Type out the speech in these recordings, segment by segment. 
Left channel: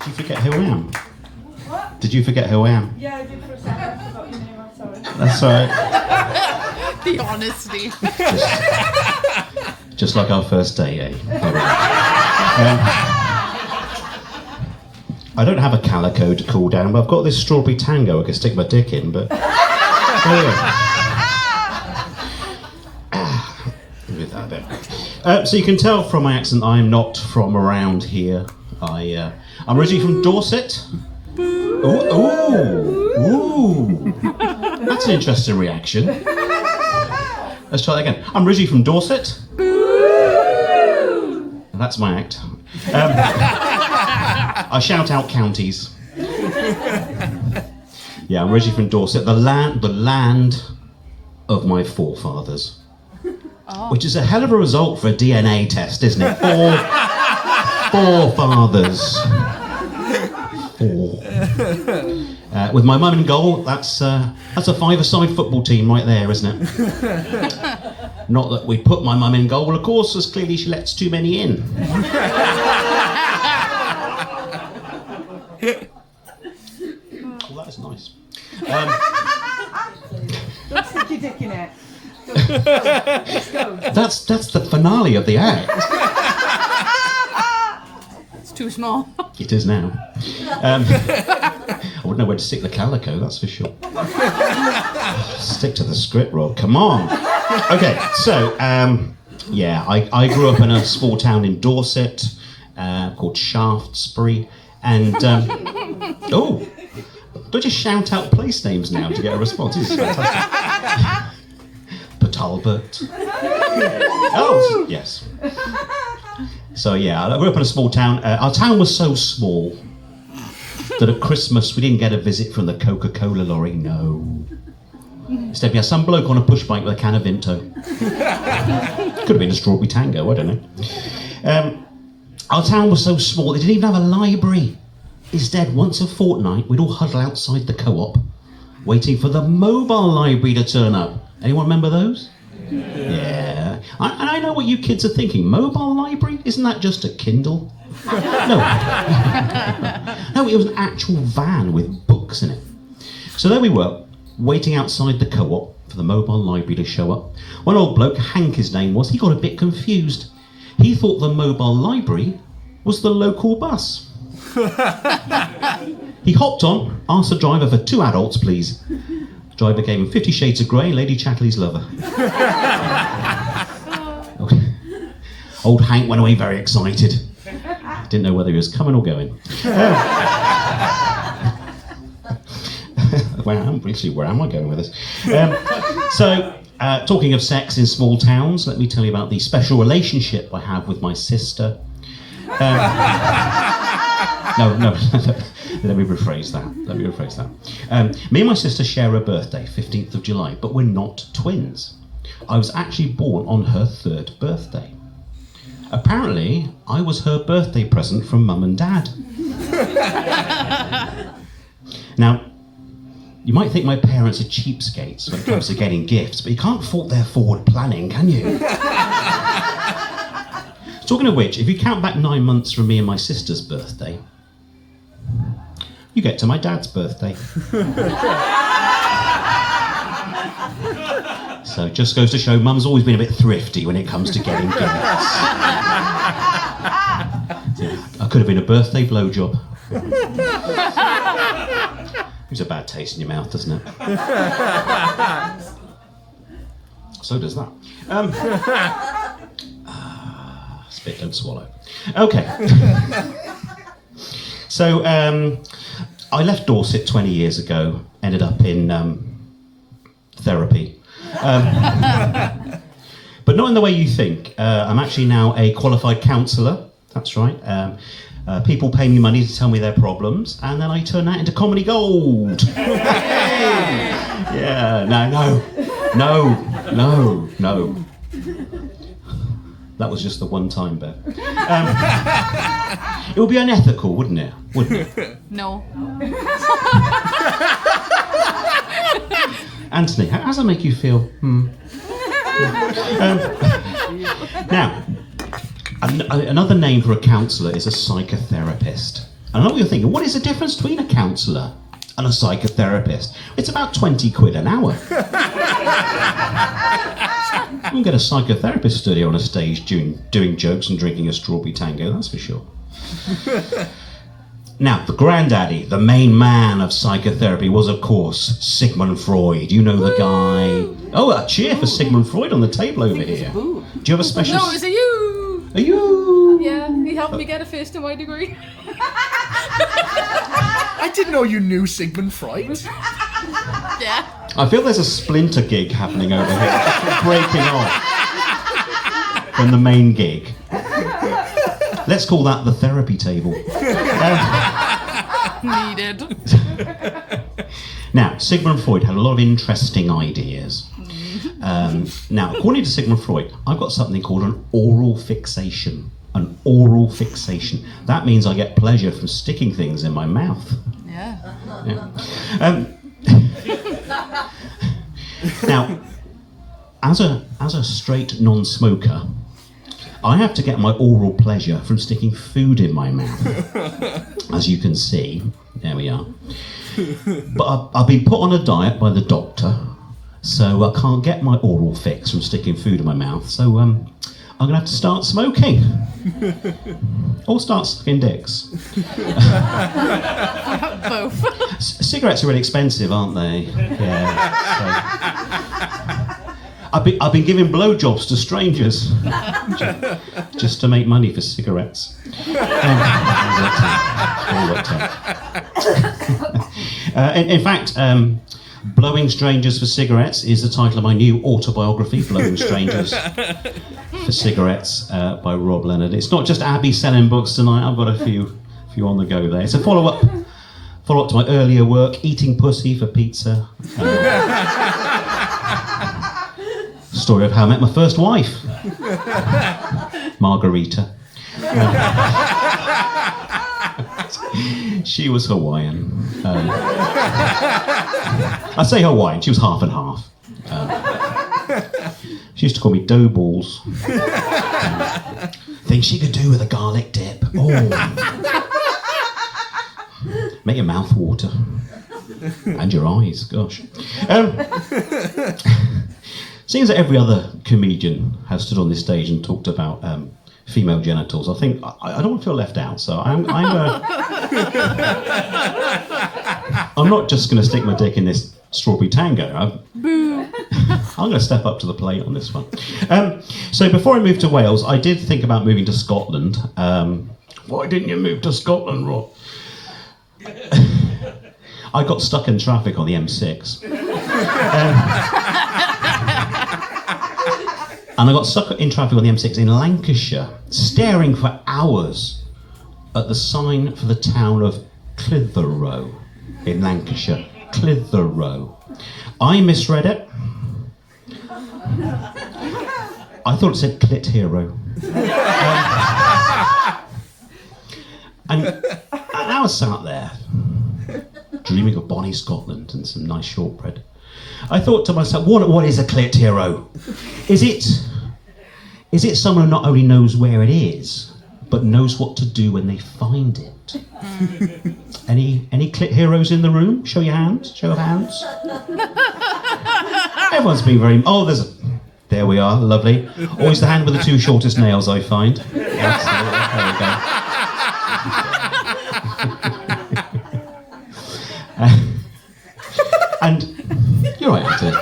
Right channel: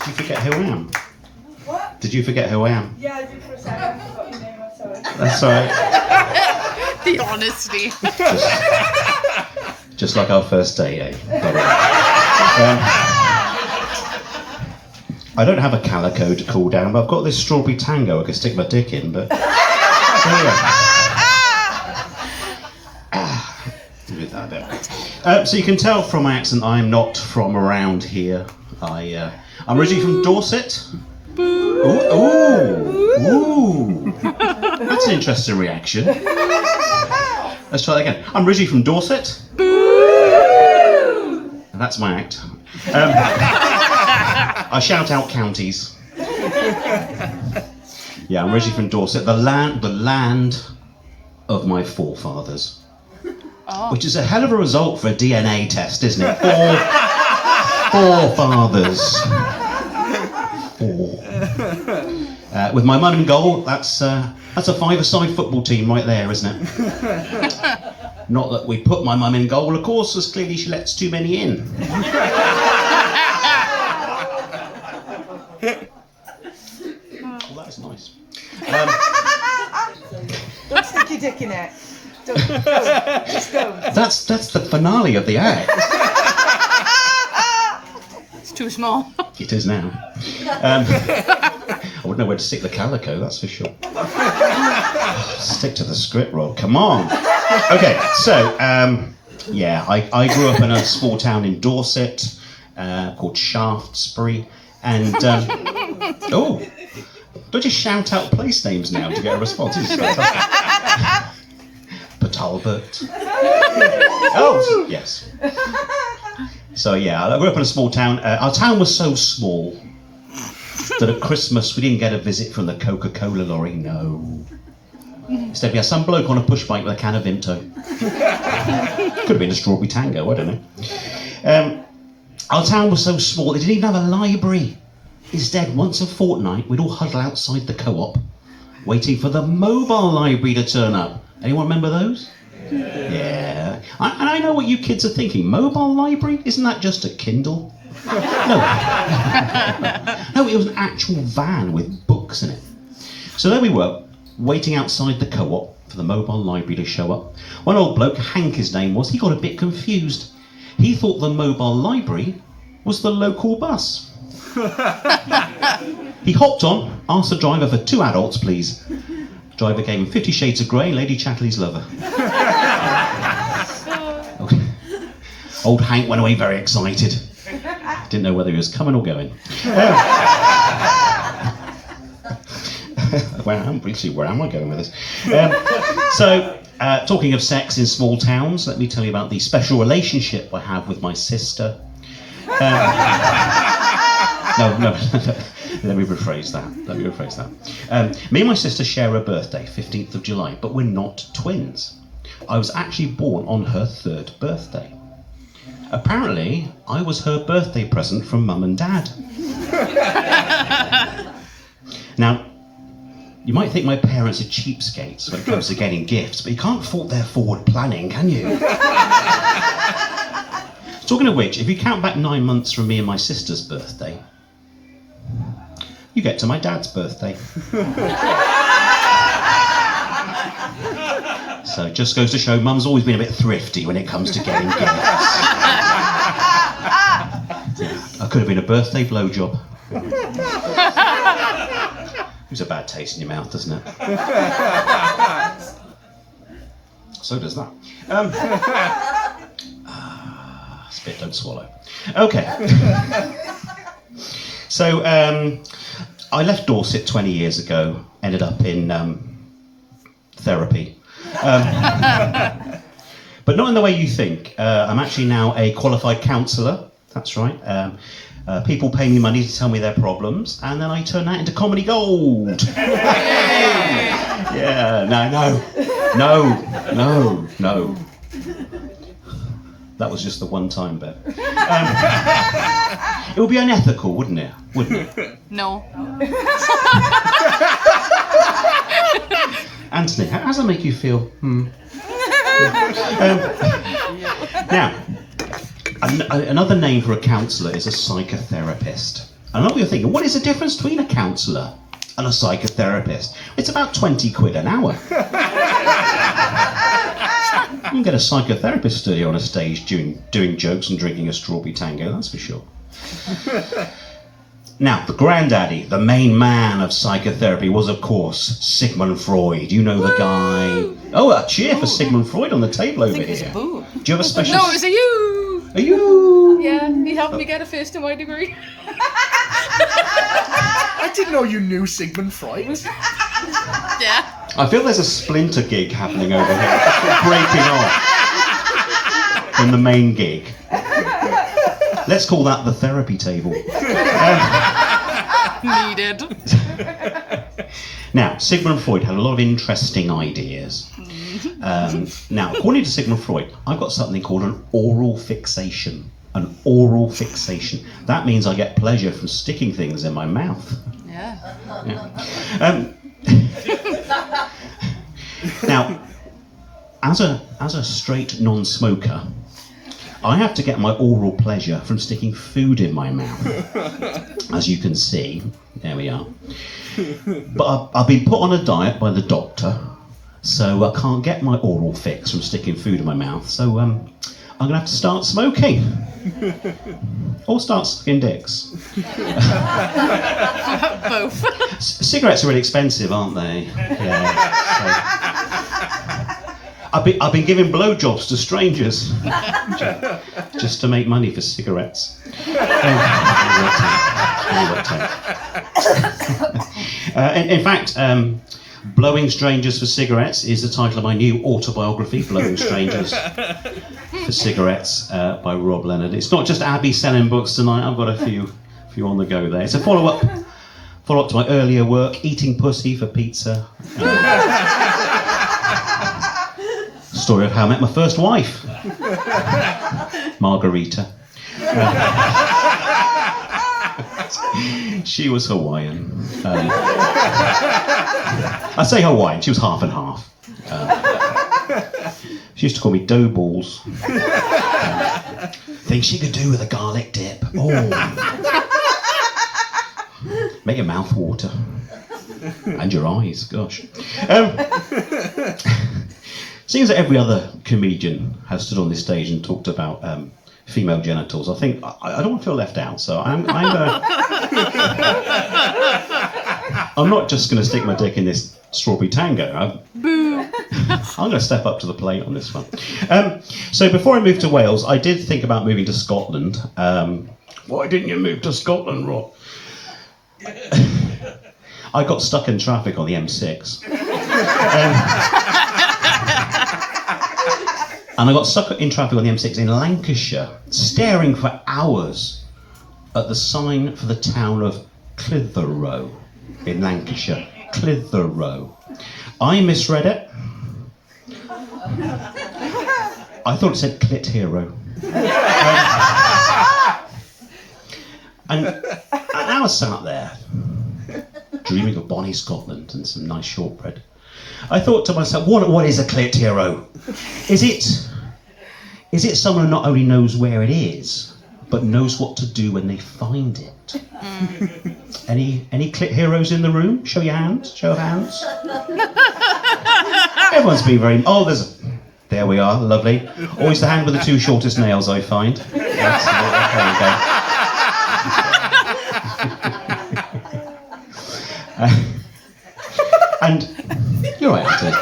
Did you forget who I am? What? Did you forget who I am? Yeah, I did for a second. I forgot your name. I'm sorry. That's all right. The honesty. Just like our first day, eh? I don't have a calico to cool down, but I've got this strawberry tango I can stick my dick in, but... So you can tell from my accent I am not from around here. I'm originally from Dorset. Ooh. That's an interesting reaction. Let's try that again. I'm originally from Dorset. And that's my act. I shout out counties. Yeah, I'm originally from Dorset, the land of my forefathers. Oh. Which is a hell of a result for a DNA test, isn't it? Forefathers. Four. With my mum in goal, that's a five-a-side football team right there, isn't it? Not that we put my mum in goal, of course, as clearly she lets too many in. Oh, that is nice. Don't stick your dick in it. Let's go. That's the finale of the act. It's too small. It is now. I wouldn't know where to stick the calico, that's for sure. Stick to the script, Rob. Come on. Okay, so yeah, I grew up in a small town in Dorset called Shaftesbury, and oh, don't you shout out place names now to get a response? This is fantastic. Talbot. Oh, yes. So yeah, I grew up in a small town. Our town was so small that at Christmas we didn't get a visit from the Coca-Cola lorry, no. Instead we had some bloke on a push bike with a can of Vimto. Could have been a strawberry tango, I don't know. Our town was so small they didn't even have a library. Instead, once a fortnight, we'd all huddle outside the co-op, waiting for the mobile library to turn up. Anyone remember those? Yeah. And I know what you kids are thinking. Mobile library? Isn't that just a Kindle? No. No, it was an actual van with books in it. So there we were, waiting outside the co-op for the mobile library to show up. One old bloke, Hank his name was, he got a bit confused. He thought the mobile library was the local bus. He hopped on, asked the driver for 2 adults, please. Driver gave him 50 Shades of Grey and Lady Chatterley's Lover. Old Hank went away very excited. Didn't know whether he was coming or going. Where am I going with this? Talking of sex in small towns, let me tell you about the special relationship I have with my sister. No. Let me rephrase that. Me and my sister share a birthday, 15th of July, but we're not twins. I was actually born on her 3rd birthday. Apparently, I was her birthday present from Mum and Dad. Now, you might think my parents are cheapskates when it comes to getting gifts, but you can't fault their forward planning, can you? Talking of which, if you count back 9 months from me and my sister's birthday, you get to my dad's birthday. So it just goes to show Mum's always been a bit thrifty when it comes to getting gifts. I could have been a birthday blowjob. It's a bad taste in your mouth, doesn't it? So does that. Spit, don't swallow. Okay. So I left Dorset 20 years ago, ended up in therapy. But not in the way you think. I'm actually now a qualified counsellor, that's right. People pay me money to tell me their problems, and then I turn that into comedy gold. Yeah, no. That was just the one-time bit. It would be unethical, wouldn't it? No. Anthony, how does that make you feel? Now, another name for a counsellor is a psychotherapist. I know what you're thinking. What is the difference between a counsellor and a psychotherapist? It's about 20 quid an hour. You can get a psychotherapist study on a stage doing jokes and drinking a strawberry tango, that's for sure. Now, the granddaddy, the main man of psychotherapy was, of course, Sigmund Freud. You know the guy. Oh, a cheer for Sigmund Freud on the table over here. Do you have a special... No, it was a you! A you! Yeah, he helped me get a first in my degree. I didn't know you knew Sigmund Freud. Yeah. I feel there's a splinter gig happening over here, breaking off from the main gig. Let's call that the therapy table. Needed. Now, Sigmund Freud had a lot of interesting ideas. Now, according to Sigmund Freud, I've got something called an oral fixation. An oral fixation. That means I get pleasure from sticking things in my mouth. Yeah. Now, as a straight non-smoker, I have to get my oral pleasure from sticking food in my mouth. As you can see, there we are. But I've been put on a diet by the doctor, so I can't get my oral fix from sticking food in my mouth. So I'm going to have to start smoking. Or start sucking dicks. Both. Cigarettes are really expensive, aren't they? Yeah. So. I've been giving blowjobs to strangers just to make money for cigarettes. In fact, Blowing Strangers for Cigarettes is the title of my new autobiography, Blowing Strangers for Cigarettes by Rob Leonard. It's not just Abby selling books tonight, I've got a few on the go there. It's a follow-up to my earlier work, Eating Pussy for Pizza. Story of how I met my first wife, Margarita. She was Hawaiian. I say Hawaiian, she was half and half. She used to call me dough balls. Things she could do with a garlic dip. Oh. Make your mouth water. And your eyes, gosh. Seems that every other comedian has stood on this stage and talked about female genitals. I think I don't want to feel left out, so I'm not just going to stick my dick in this strawberry tango. I'm going to step up to the plate on this one. So before I moved to Wales, I did think about moving to Scotland. Why didn't you move to Scotland, Rob? I got stuck in traffic on the M6. And I got stuck in traffic on the M6 in Lancashire, staring for hours at the sign for the town of Clitheroe in Lancashire. Clitheroe. I misread it. I thought it said Clit Hero. And I was sat there, dreaming of bonny Scotland and some nice shortbread. I thought to myself, what is a Clit Hero? Is it someone who not only knows where it is, but knows what to do when they find it? Any Clit Heroes in the room? Show your hands. Show of hands. Everyone's been very... Oh, there we are, lovely. Always the hand with the two shortest nails, I find. Excellent. There we go. And you're right, Anthony.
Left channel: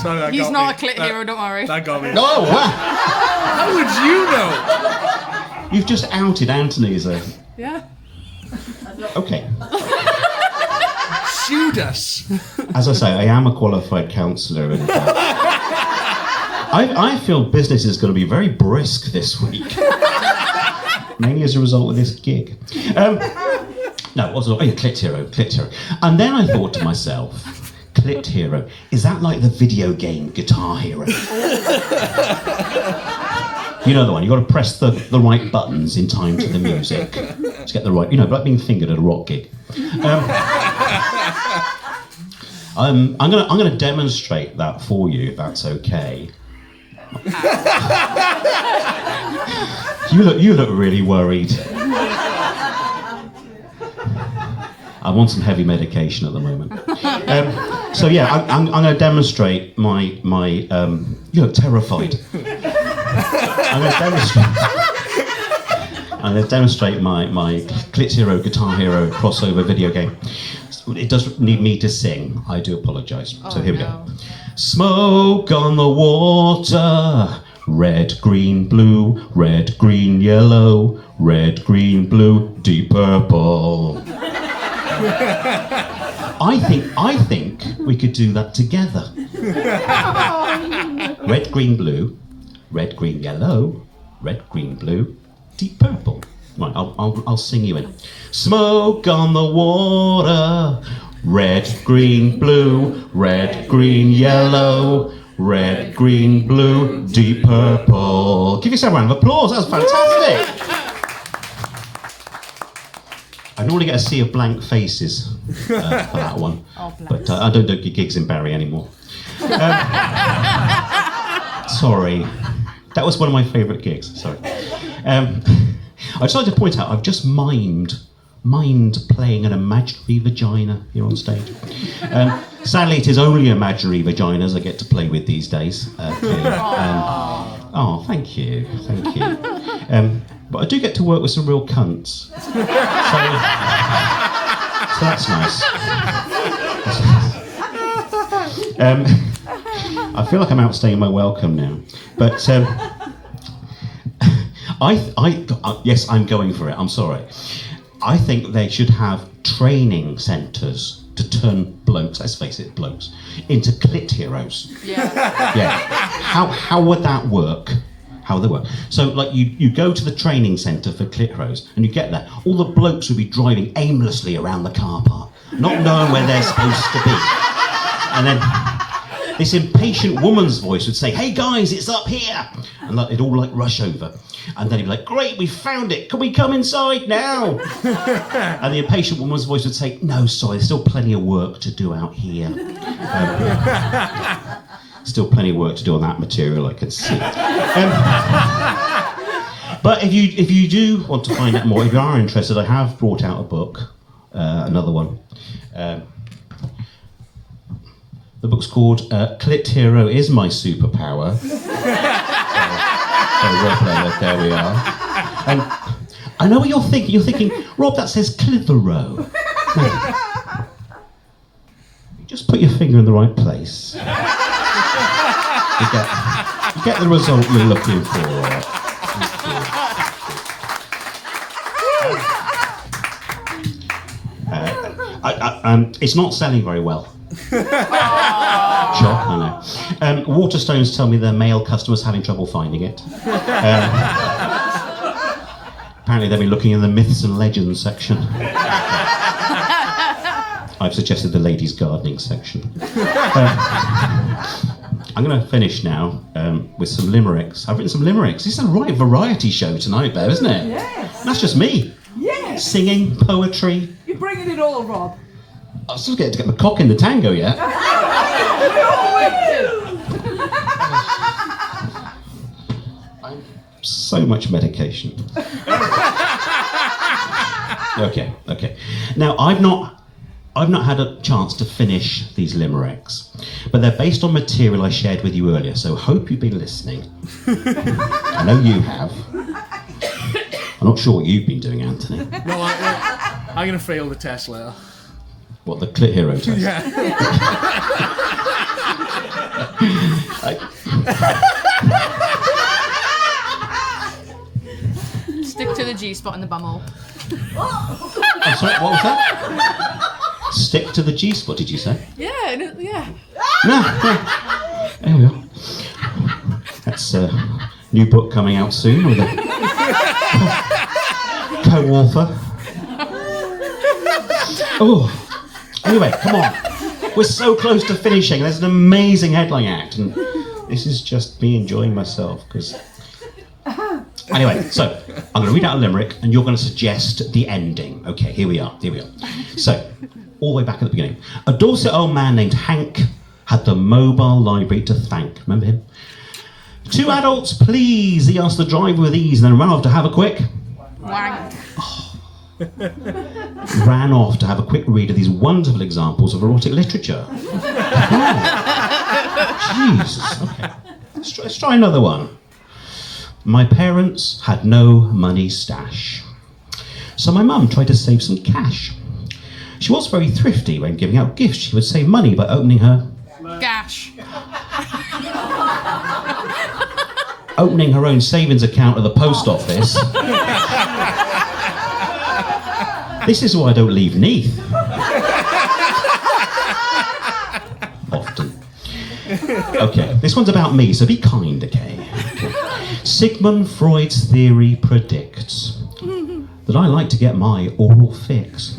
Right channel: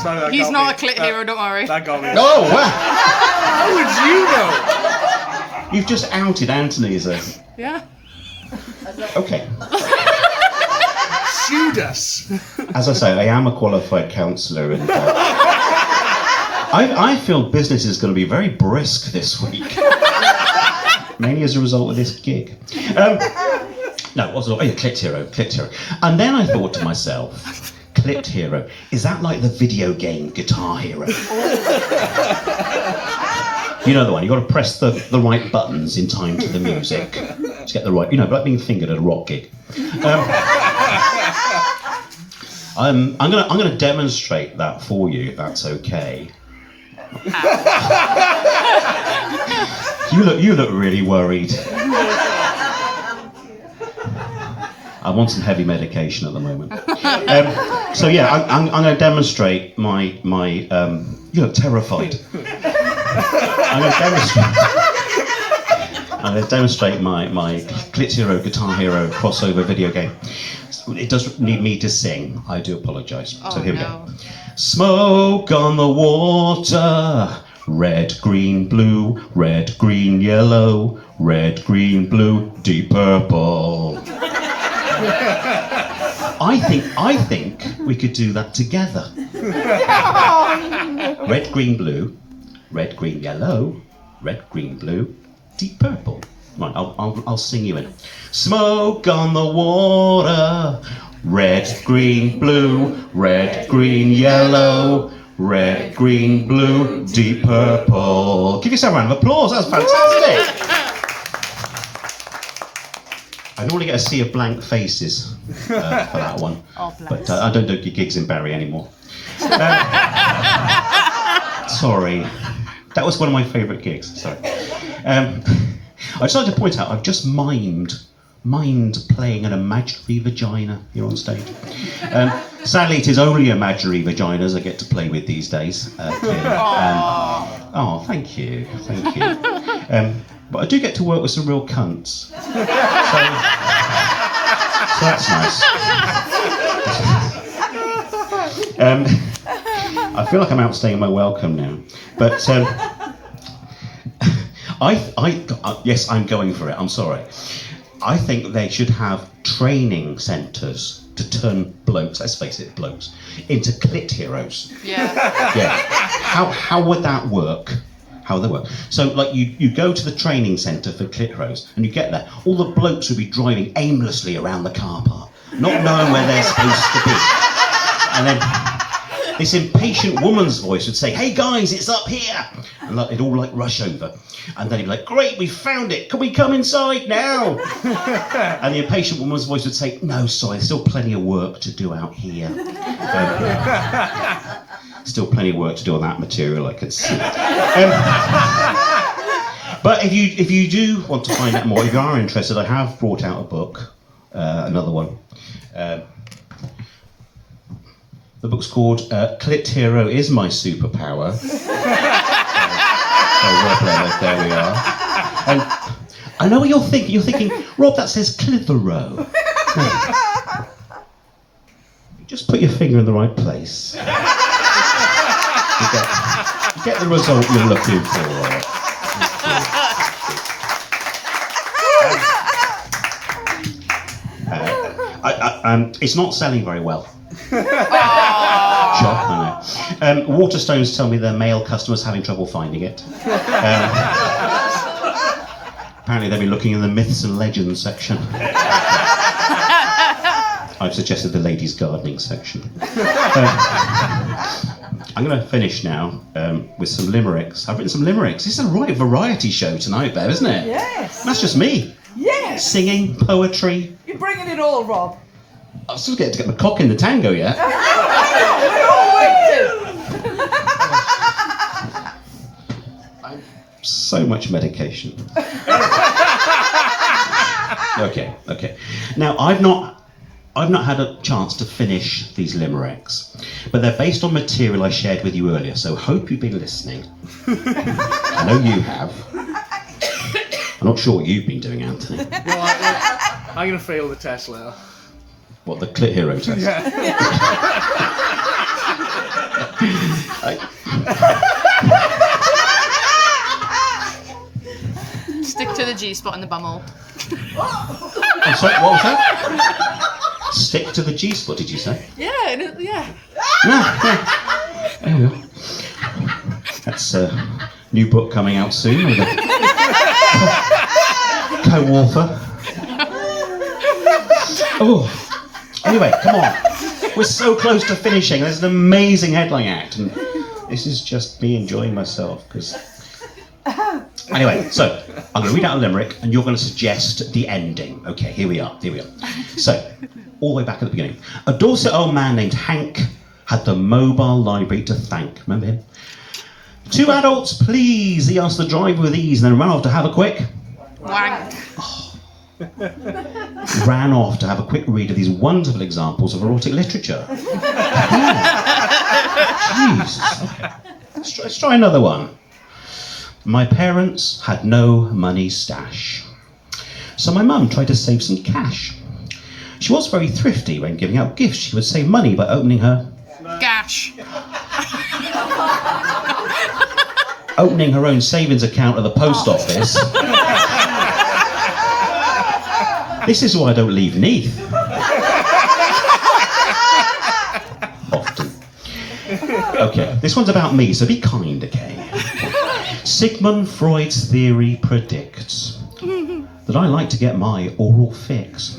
Sorry, He's not a clit hero, don't worry. That got me. Oh, wow. How would you know? You've just outed Anthony as a... Yeah. Okay. Sued us. As I say, I am a qualified counsellor, and I feel business is going to be very brisk this week. Mainly as a result of this gig. No, it wasn't. Oh, Clit Hero. And then I thought to myself, Clit Hero, is that like the video game Guitar Hero? You know the one, you've got to press the right buttons in time to the music to get the right, like being fingered at a rock gig. I'm gonna demonstrate that for you, if that's okay. You look really worried. I'm on some heavy medication at the moment. So yeah, I'm going to demonstrate my you look terrified. I'm going to demonstrate my Clit Hero, Guitar Hero crossover video game. It does need me to sing. I do apologise. So here we go. Smoke on the water. Red, green, blue. Red, green, yellow. Red, green, blue. Deep purple. I think we could do that together. Red, green, blue. Red, green, yellow. Red, green, blue. Deep purple. Right, I'll sing you in. Smoke on the water. Red, green, blue. Red, green, yellow. Red, green, blue. Deep purple. Give yourself a round of applause. That was fantastic. I normally get a sea of blank faces for that one. But I don't do gigs in Barry anymore. Sorry. That was one of my favourite gigs. Sorry. I just like to point out, I've just mimed playing an imaginary vagina here on stage. Sadly, it is only imaginary vaginas I get to play with these days. Oh, thank you. But I do get to work with some real cunts. So that's nice. I feel like I'm outstaying my welcome now. But yes, I'm going for it. I'm sorry. I think they should have training centres to turn blokes, let's face it, blokes, into clit heroes. Yeah. How would that work? How would they work? So, like, you go to the training centre for clit heroes, and you get there. All the blokes would be driving aimlessly around the car park, not knowing where they're supposed to be. And then this impatient woman's voice would say, "Hey guys, it's up here!" And it'd all like rush over. And then he'd be like, "Great, we found it. Can we come inside now?" And the impatient woman's voice would say, "No, sorry, there's still plenty of work to do out here." Still plenty of work to do on that material, I can see. But if you do want to find out more, if you are interested, I have brought out a book, another one. The book's called Clit Hero Is My Superpower. There we are. And I know what you're thinking. You're thinking, Rob, that says Clitheroe. No. You just put your finger in the right place. You get the result you're looking for. It's not selling very well. Sure, I know. Waterstones tell me their male customers having trouble finding it. Apparently they've been looking in the myths and legends section. I've suggested the ladies' gardening section. I'm going to finish now with some limericks. I've written some limericks. This is a right variety show tonight, Bev, isn't it? Yes. That's just me. Yes. Singing, poetry. You're bringing it all, Rob. I'm still getting to get my cock in the tango yet. So much medication. Okay. Now I've not had a chance to finish these limericks, but they're based on material I shared with you earlier. So hope you've been listening. I know you have. I'm not sure what you've been doing, Anthony. No, I'm going to fail the test later. What, the Clit Hero test? Yeah. Stick to the G spot in the bumhole. I'm sorry, what was that? Stick to the G spot, did you say? Yeah. No. There we go. That's a new book coming out soon with a co-author. Oh. Anyway, come on. We're so close to finishing. There's an amazing headline act, and this is just me enjoying myself. Because anyway, so I'm going to read out a limerick, and you're going to suggest the ending. Okay, here we are. So, all the way back at the beginning. A Dorset old man named Hank had the mobile library to thank. Remember him? 2 adults, please. He asked the driver with ease, and then ran off to have a quick Wank. ran off to have a quick read of these wonderful examples of erotic literature. Jesus. Okay. Let's try another one. My parents had no money stash, so my mum tried to save some cash. She was very thrifty when giving out gifts. She would save money by opening her own savings account at the post office. This is why I don't leave Neath. Often. Okay, this one's about me, so be kind, okay? Sigmund Freud's theory predicts that I like to get my oral fix.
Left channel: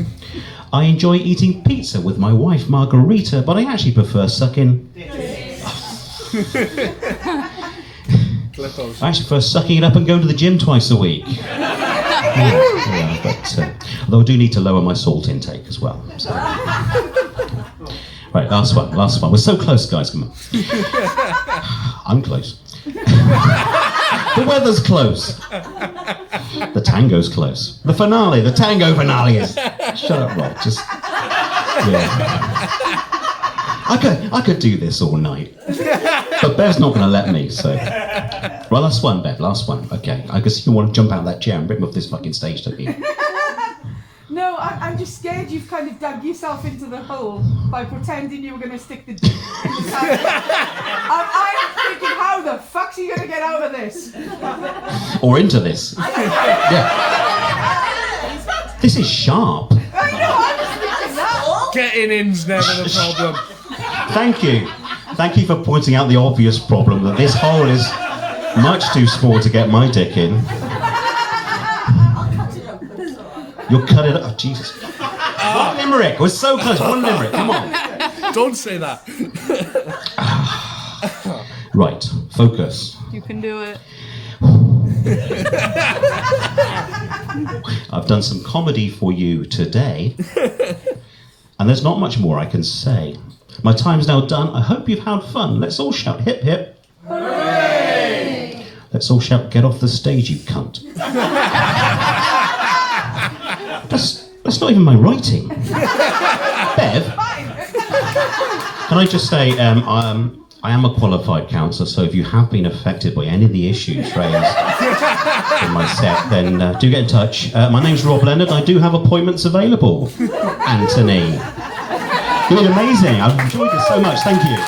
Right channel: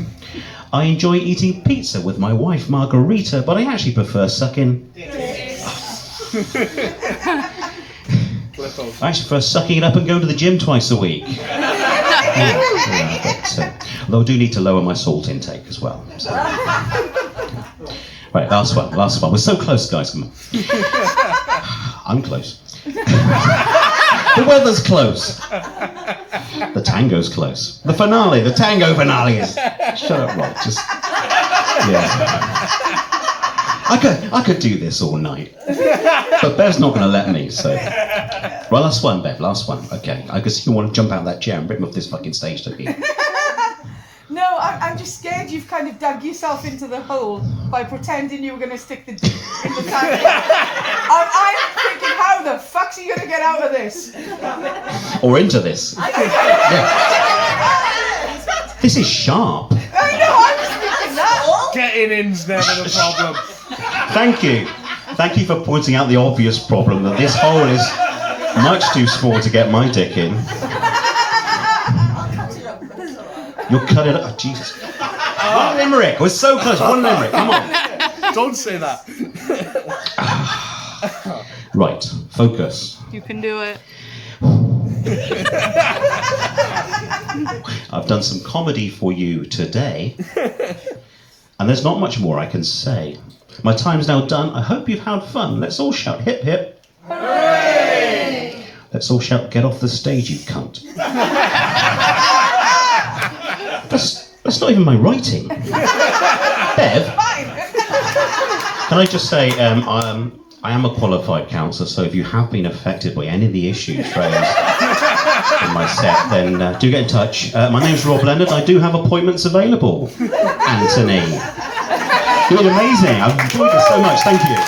I enjoy eating pizza with my wife Margarita, but I actually prefer sucking. I actually prefer sucking it up and going to the gym twice a week. Although I do need to lower my salt intake as well. So. Right, last one. We're so close, guys. Come on. I'm close. The weather's close. The tango's close. The tango finale is. Shut up, Rob. Just. Yeah. I could do this all night. But Bev's not going to let me, so. Right, last one, Bev, last one. Okay. I guess you want to jump out of that chair and rip me off this fucking stage, don't you? No, I'm just scared you've kind of dug yourself into the hole by pretending you were going to stick the dick in the tank. I'm thinking, how the fuck's he going to get out of this? Or into this. Yeah. This is sharp. I know, I was thinking that. Getting in's never the problem. Thank you. Thank you for pointing out the obvious problem that this hole is much too small to get my dick in. You'll cut it up. Oh, Jesus. One limerick. We're so close. One limerick. Come on. Don't say that. Right. Focus. You can do it. I've done some comedy for you today. And there's not much more I can say. My time's now done. I hope you've had fun. Let's all shout hip hip. Hooray! Let's all shout get off the stage, you cunt. That's not even my writing. Bev, can I just say, I am a qualified counsellor, so if you have been affected by any of the issues raised in my set, then do get in touch. My name's Rob Leonard. I do have appointments available. Anthony. You're amazing. I've enjoyed it so much. Thank you.